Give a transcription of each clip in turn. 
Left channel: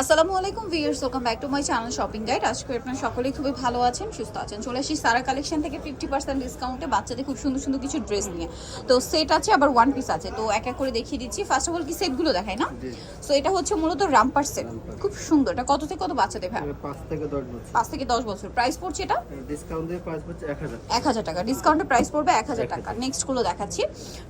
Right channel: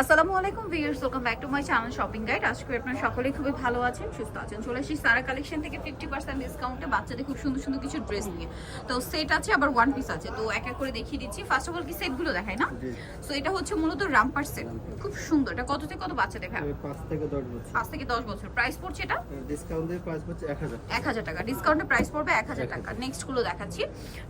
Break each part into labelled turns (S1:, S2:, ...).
S1: আসসালামু আলাইকুম viewers welcome back to my channel shopping guide. আজকে আপনারা সকলেই খুবই ভালো আছেন সুস্থ আছেন। চলে আসি সারা কালেকশন থেকে ফিফটি পার্সেন্ট ডিসকাউন্টে বাচ্চাদের খুব সুন্দর সুন্দর কিছু ড্রেস নিয়ে। তো সেট আছে আবার ওয়ান পিস আছে। তো এক এক করে দেখিয়ে দিচ্ছি। ফার্স্ট অফ অল কি সেটগুলো দেখায় না? সো এটা হচ্ছে মূলত রামপার সেট। খুব সুন্দর। এটা কত থেকে কত বাচ্চাদের ভাই?
S2: পাঁচ থেকে দশ বছর।
S1: পাঁচ থেকে দশ বছর। প্রাইস পড়ছে এটা?
S2: ডিসকাউন্ট দিয়ে প্রাইস হচ্ছে এক হাজার
S1: এক হাজার টাকা। ডিসকাউন্টে প্রাইস পড়বে এক হাজার টাকা। নেক্সটগুলো দেখাচ্ছি।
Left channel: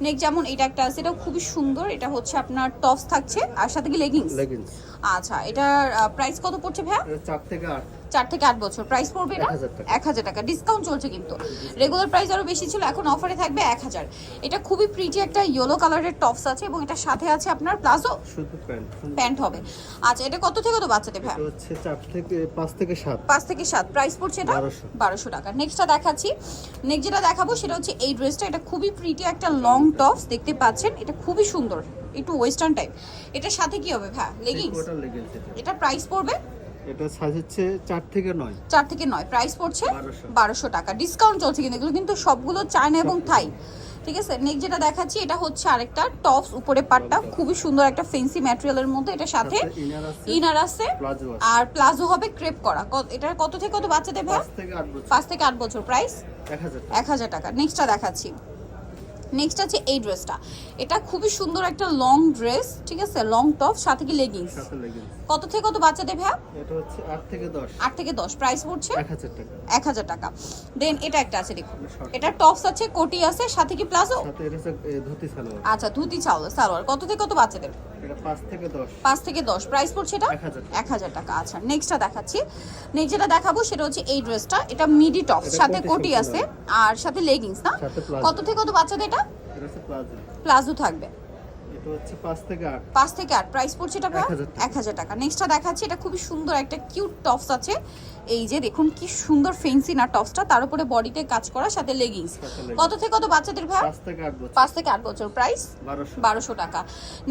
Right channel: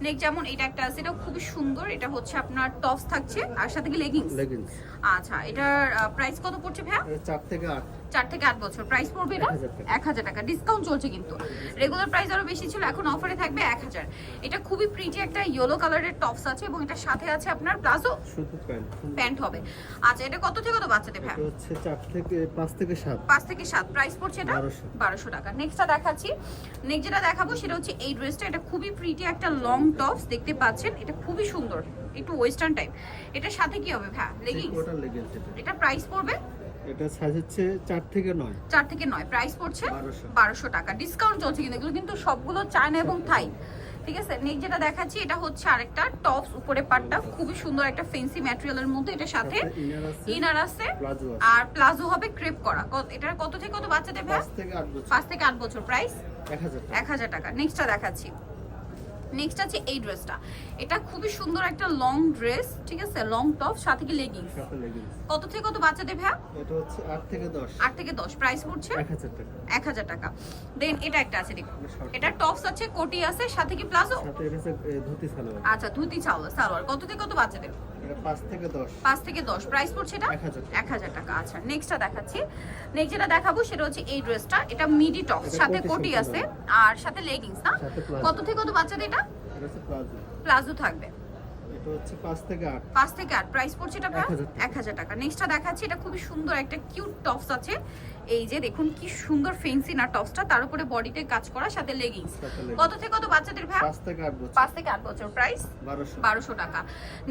S1: নেক্সট যেমন এটা একটা আছে এটাও খুবই সুন্দর। এটা হচ্ছে আপনার টপস থাকছে আর সাথে কি লেগিংস
S2: লেগিংস
S1: আচ্ছা এটার প্রাইস কত পড়ছে ভাইয়া?
S2: এর চার থেকে আট।
S1: চার থেকে আট বছর। প্রাইস পড়বে এটা?
S2: 1000 টাকা।
S1: ডিসকাউন্ট চলছে কিন্তু। রেগুলার প্রাইস আরও বেশি ছিল এখন অফারে থাকবে এক হাজার। এটা খুবই প্রিটি একটা ইয়েলো কালারের টপস আছে এবং এটার সাথে আছে আপনার প্লাজো
S2: শুধু প্যান্ট।
S1: প্যান্ট হবে। আচ্ছা এটা কত থেকে কত বাচ্চাদের ভাই
S2: হচ্ছে চার থেকে পাঁচ থেকে সাত।
S1: পাঁচ থেকে সাত। প্রাইস পড়ছে এটা?
S2: 1200
S1: বারোশো টাকা। নেক্সটটা দেখাচ্ছি। নেক্সট যেটা দেখাবো সেটা হচ্ছে এই ড্রেসটা এটা খুবই প্রিটি একটা লং টপস দেখতে পাচ্ছেন? এটা খুবই সুন্দর। একটু ওয়েস্টার্ন টাইপ এটার সাথে কি হবে? ভাই লেগিংস
S2: এটা।
S1: এটা প্রাইস পড়বে?
S2: এটা সাইজ হচ্ছে চার থেকে নয়।
S1: চার থেকে নয়। প্রাইস পড়ছে
S2: 1200
S1: বারোশো টাকা। ডিসকাউন্ট চলছে কিন্তু এগুলো কিন্তু সবগুলো চায়না এবং থাই ঠিক আছে? নেক্সট যেটা দেখাচ্ছি এটা হচ্ছে আরেকটা টপস উপরে পাটটা। খুবই সুন্দর একটা ফেন্সি ম্যাটেরিয়ালের মধ্যে এটা সাথে
S2: ইনার আছে প্লাজো আছে
S1: আর প্লাজো হবে ক্রেপ করা। এটা কত থেকে কত বাচ্চা দেবে
S2: পাঁচ থেকে আট বছর।
S1: পাঁচ থেকে আট বছর প্রাইস
S2: এক হাজার টাকা।
S1: এক হাজার টাকা। নেক্সটটা দেখাচ্ছি। নেক্সট আছে এই ড্রেসটা এটা খুবই সুন্দর একটা লং ড্রেস ঠিক আছে? লং টপ সাথে কি লেগিংস
S2: সাথে লেগিংস
S1: কত থেকে কত বাচ্চা দেবে
S2: এটা হচ্ছে আট থেকে দশ।
S1: আট থেকে দশ। প্রাইস পড়ছে?
S2: এক হাজার টাকা।
S1: এক হাজার টাকা। দেন এটা একটা আছে দেখুন।
S2: এটা
S1: টপস আছে কোটি আছে সাথে কি প্লাজো?
S2: সাথে এটা ধুতি সালোয়ার।
S1: আচ্ছা ধুতি চাও সালোয়ার। কত থেকে কত বাচ্চাদের?
S2: এটা পাঁচ থেকে দশ।
S1: পাঁচ থেকে দশ। প্রাইস পড়ছে এটা?
S2: এক হাজার টাকা।
S1: আচ্ছা নেক্সটটা দেখাচ্ছি। নেক্সট যেটা দেখাবো সেটা হচ্ছে এই ড্রেসটা এটা মিডি টপ সাথে
S2: কোটি
S1: আছে আর সাথে লেগিংস না? কত থেকে কত বাচ্চাদের এটা?
S2: প্লাজো
S1: থাকবে।
S2: এটা হচ্ছে পাঁচ থেকে আট।
S1: পাঁচ থেকে আট। প্রাইস পড়ছে এটা
S2: 1000 টাকা।
S1: এক হাজার টাকা। নেক্সটটা দেখাচ্ছি এটা খুবই সুন্দর একটা কিউট টপস আছে। এই যে দেখুন কি সুন্দর ফেন্সি না টপসটা তার উপরে বডিতে কাজ করা সাথে লেগিংস কত থেকে কত বাচ্চাদের ভাই?
S2: থেকে বছর।
S1: বছর। প্রাইস টাকা।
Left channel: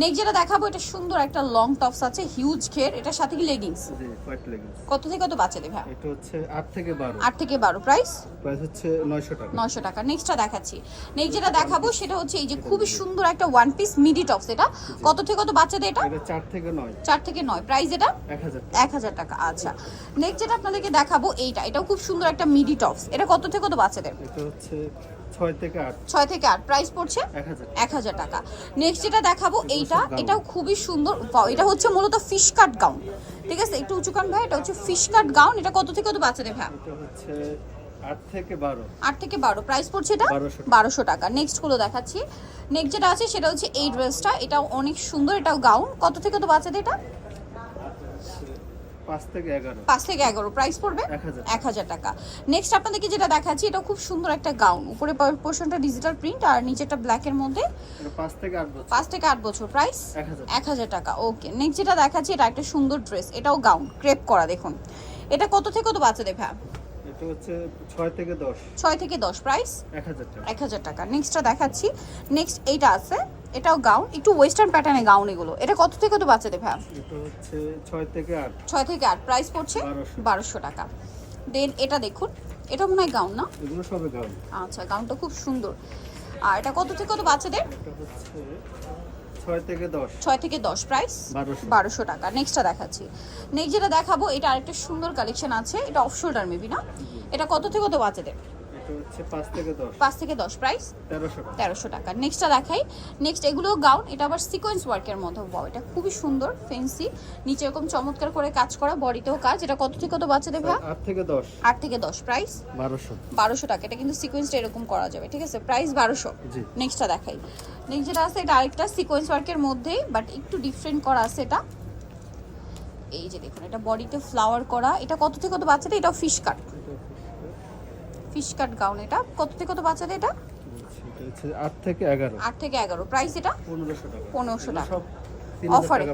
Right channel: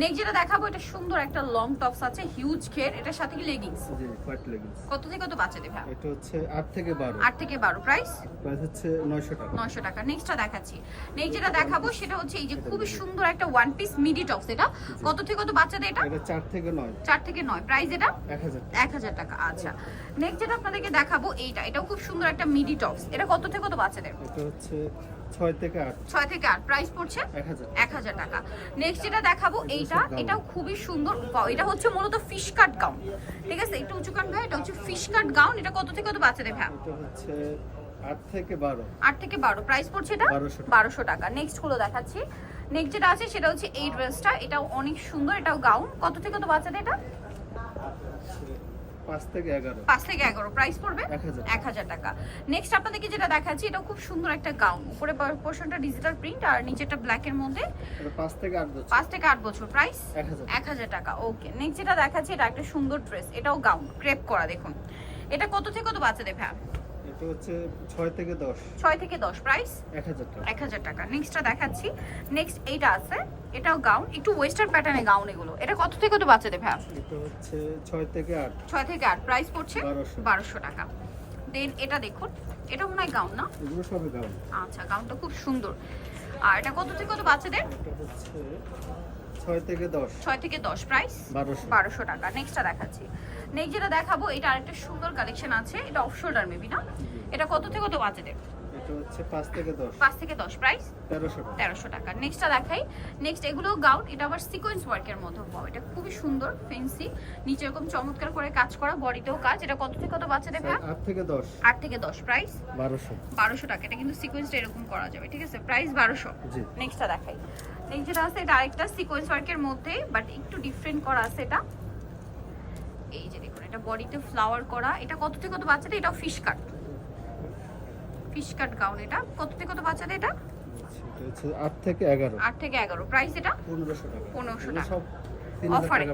S1: নেক্সট যেটা দেখাবো এটা সুন্দর একটা লং টপস আছে হিউজ ঘের। এটার সাথে কি লেগিংস
S2: জি হোয়াইট লেগিংস
S1: কত থেকে কত বাচ্চাদের ভাই?
S2: এটা হচ্ছে আট থেকে
S1: প্রাইস
S2: প্রাইস হচ্ছে নয়শো টাকা।
S1: নেক্সটটা দেখাচ্ছি। নেক্সট যেটা দেখাবো সেটা হচ্ছে এই যে খুবই সুন্দর একটা ওয়ান পিস মিডি টপস এটা। কত থেকে কত বাচ্চাদের এটা?
S2: এটা চার থেকে নয়।
S1: চার থেকে নয়। প্রাইস এটা?
S2: এক হাজার
S1: এক হাজার টাকা আচ্ছা। নেক্সট যেটা আপনাদেরকে দেখাবো এইটা। এটাও খুব সুন্দর একটা মিডি টপস এটা কত থেকে কত বাচ্চাদের?
S2: এটা হচ্ছে ছয় থেকে আট।
S1: ছয় থেকে আট। প্রাইস পড়ছে
S2: এক হাজার
S1: টাকা। নেক্সট যেটা দেখাবো এইটা এটাও খুবই সুন্দর। এটা হচ্ছে মূলত ফিশ কাট গাউন ঠিক আছে? একটু উঁচু কান ভাই এটা হচ্ছে ফিশ কাট গাউন এটা কত থেকে কত বাচ্চাদের ভাই?
S2: এটা হচ্ছে থেকে বারো।
S1: আট থেকে বারো। প্রাইস পড়ছে এটা?
S2: 1200 টাকা।
S1: নেক্সটগুলো দেখাচ্ছি। নেক্সট যেটা আছে সেটা হচ্ছে এই ড্রেসটা এটাও অনেক সুন্দর এটাও গাউন কত থেকে কত বাচ্চাদের এটা?
S2: থেকে এগারো।
S1: পাঁচ থেকে এগারো। প্রাইস পড়বে?
S2: এক হাজার
S1: এক হাজার টাকা। নেক্সট আপনাদেরকে যেটা দেখাচ্ছি এটা খুব সুন্দর একটা গাউন উপরে পোর্শনটা ডিজিটাল প্রিন্ট আর নিচেটা মধ্যে।
S2: থেকে বছর।
S1: থেকে বছর। প্রাইস
S2: এক হাজার
S1: এক হাজার টাকা। ওকে নেক্সট যেটা দেখাচ্ছি এটা একটা সুন্দর ড্রেস এটাও গাউন ক্রেপ করা দেখুন। এটা কত থেকে কত বাচ্চাদের ভ্যা
S2: এটা হচ্ছে থেকে দশ।
S1: ছয় থেকে দশ প্রাইস
S2: এক হাজার টাকা।
S1: নেক্সটটা দেখাচ্ছি। নেক্সট এইটা আছে। এটাও গাউন একটু ওয়েস্টার্ন প্যাটার্নে গাউন এগুলো। এটা কত থেকে কত বাচ্চাদের ভ্যা
S2: এটা হচ্ছে ছয় থেকে আট।
S1: ছয় থেকে আট। প্রাইস পড়ছে
S2: 1200
S1: বারোশো টাকা। দেন এটা দেখুন এটা মনে হয় গাউন না?
S2: এগুলো সবে গাউন
S1: আচ্ছা গাউনটা খুব সুন্দর। আর এটা কত থেকে কত বাচ্চাদের?
S2: এটা হচ্ছে ছয় থেকে দশ।
S1: ছয় থেকে দশ প্রাইস
S2: বারোশো।
S1: বারোশো টাকা। নেক্সটটা দেখাচ্ছি। নেক্সট যেটা দেখাবো এটা আরেকটা সুন্দর কালেকশন আছে। এটা অফ শোল্ডার মেবি না এটা কত থেকে কত বাচ্চাদের
S2: এটা হচ্ছে থেকে দশ।
S1: পাঁচ থেকে দশ প্রাইস
S2: তেরোশো টাকা।
S1: তেরোশো টাকা। নেক্সটটা দেখাই। নেক্সট এগুলো গাউন এটা আবার সিকোয়েন্স ওয়ার্কের মতো বাও এটা খুবই সুন্দর ফেন্সি নিচে এরকম চমৎকার করে কাজ করা বডিতেও কাজ। এটা কত থেকে কত বাচ্চাদের ভাই?
S2: আট থেকে দশ।
S1: আট থেকে দশ প্রাইস
S2: বারোশো।
S1: বারোশো টাকা। এটা কিন্তু সিকোয়েন্সটা এরকম করা যাবে ঠিক আছে? প্রাইস বারোশো।
S2: জি।
S1: নেক্সটটা দেখাই। নেক্সট যেটা আছে এটা আরেকটা সিকোয়েন্স ওয়ার্কের মধ্যে বাট একটু ডিফারেন্ট করা আছে এটা। এই যে দেখুন এটা বডিতে ফ্লাওয়ার করা। এটা কত থেকে কত বাচ্চাদের? এটা fish cut fish cut gown এটা। কত থেকে কত বাচ্চাদের এটা?
S2: এটা হচ্ছে থেকে এগারো।
S1: আট থেকে এগারো। প্রাইস এটা?
S2: পনেরোশো টাকা।
S1: 1500 টাকা।
S2: সব
S1: অফারে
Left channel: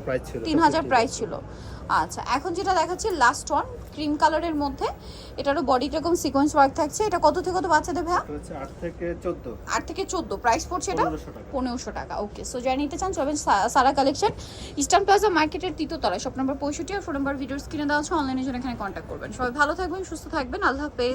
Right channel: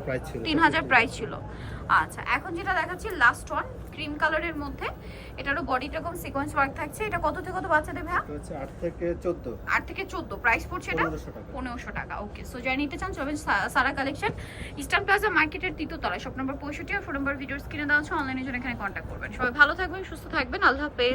S2: প্রাইস ছিল।
S1: আচ্ছা এখন যেটা দেখাচ্ছি লাস্ট ওয়ান ক্রিম কালারের মধ্যে। এটারও এরকম সিকোয়েন্স ওয়ার্ক থাকছে। এটা কত থেকে কত বাচ্চাদের
S2: হচ্ছে থেকে চোদ্দ।
S1: আট থেকে চোদ্দ। প্রাইস পড়ছে এটা?
S2: টাকা।
S1: ওকে সো নিতে চান চলবেন সারা কালেকশন ইস্টার্ন প্লাজা মার্কেটের তৃতীয় তলায়। শপ নম্বর পঁয়ষট্টি আর ফোন নম্বর ভিডিওস কিনে দেওয়া আছে। অনলাইনে জন্য এখানে করবেন। সবাই ভালো থাকবেন সুস্থ থাকবেন। আল্লাহ হাফেজ।